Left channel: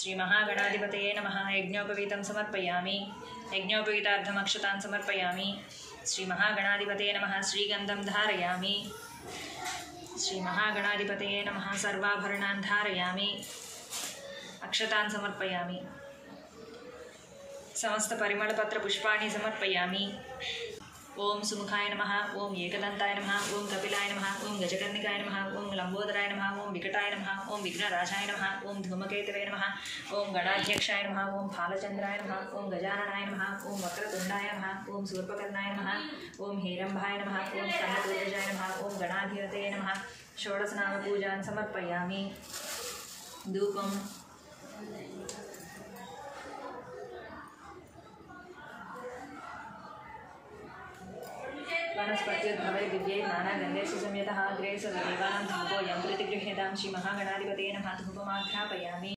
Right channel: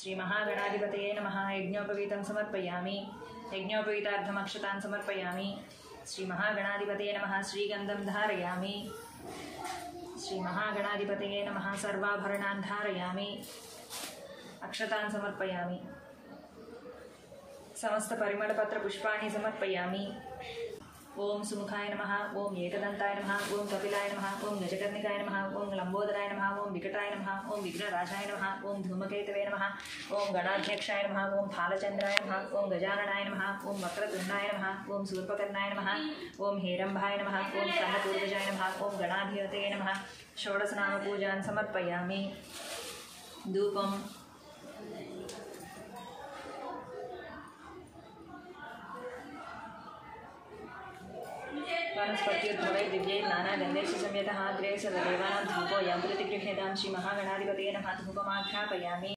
श्री महागणाधिपतये नमः। यज्ञोपवीतं समर्पयामि। यज्ञोपवीतार्थमक्षतान् समर्पयामि। श्री महागणाधिपतये नमः। श्रीगन्धं धारयामि। श्री महागणाधिपतये नमः। सर्वाभरणान् धारयामि। अक्षतान् समर्पयामि। समस्त परिमलपत्रपुष्पाणि समर्पयामि। ओम सुमुखाय नमः। ओम एकदन्ताय नमः। ओम कपिलाय नमः। ओम गजकर्णिकाय नमः। ओम लंबोदराय नमः। ओम विकटाय नमः। ओम विघ्नराजाय नमः। ओम धूमकेतवे नमः। ओम गणाध्यक्षाय नमः। ओम फालचंद्राय नमः। ओम गजाननाय नमः। ओम वक्रतुंडाय नमः। ओम शूर्पकर्णाय नमः। ओम हेरंभाय नमः। ओम स्कंदपूर्वजाय नमः। ओम गणाधिपतये नमः। षोडशनामपूजान् समर्पयामि। धूपम् वनस्पत्युद्भवै दिव्यै नानागन्धैः संयतः अग्रे सदेवानां धूपोऽयं प्रतिगृह्यतां। श्री महागणाधिपतये नमः। धूपमाघ्रापयामि।